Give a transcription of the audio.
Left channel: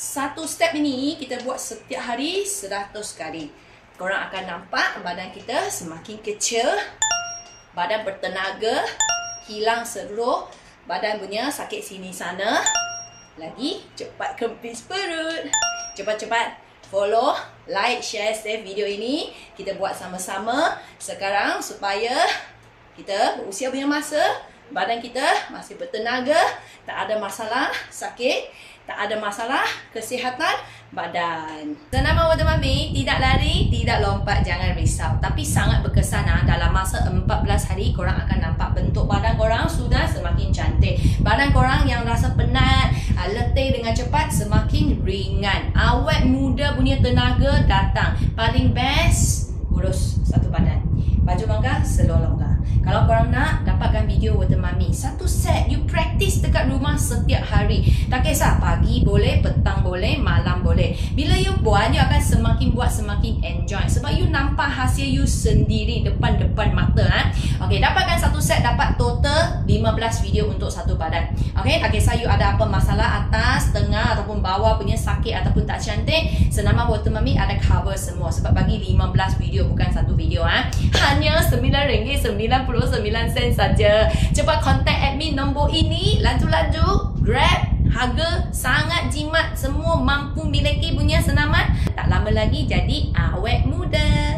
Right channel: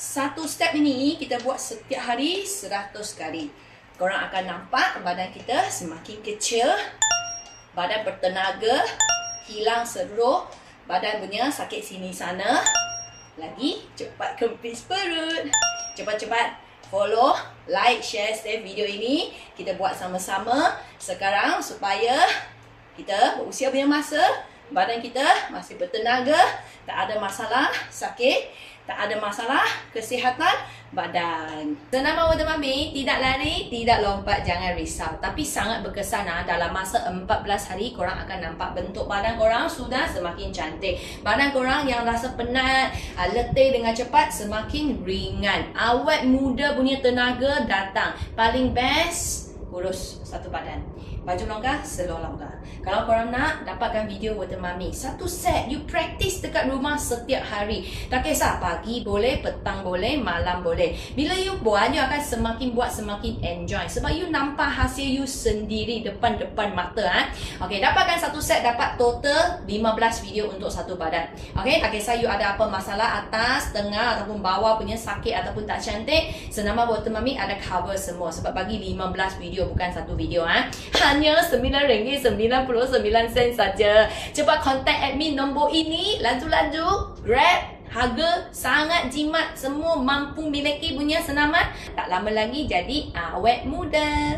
Satu step ini kita buat setiap hari 100 kali. Korang akan nampak badan kita semakin kecil, badan bertenaga, hilang seluruh badan punya sakit sini sana. Lagi cepat kempis perut. Cepat-cepat follow, like, share, save video ini. Kita buat sama-sama sekarang supaya kita berusia punya masa, badan kita masih bertenaga, tak ada masalah sakit, tak ada masalah kesihatan badan. Senama Water Mami, tidak lari, tidak lompat, jangan risau. Tapi sangat berkesan dalam masa 14 hari korang akan nampak bentuk badan korang sudah semakin cantik. Badan korang yang rasa penat, letih dengan cepat semakin ringan. Awet muda punya tenaga datang. Paling best kurus satu badan. Baju longgar, seluar longgar. Kalau korang nak dapatkan video Water Mami, satu set, you practice dekat rumah setiap hari. Tak kisah, pagi boleh, petang boleh, malam boleh. Bila you buat, you akan semakin buat semakin enjoy. Sebab you nampak hasil you sendiri depan-depan mata. Okay, dapatkan satu set, dapat total 15 video untuk satu badan. Okay, tak kisah you ada apa masalah atas, tengah ataupun bawah punya sakit ataupun tak cantik, Senama Water Mami ada cover semua. Sebab bagi 15 video, bukan satu video. Hanya RM9.99 saja. Cepat contact admin nombor ini. Laju-laju grab. Harga sangat jimat. Semua mampu miliki punya senaman. Tak lama lagi jadi awet muda.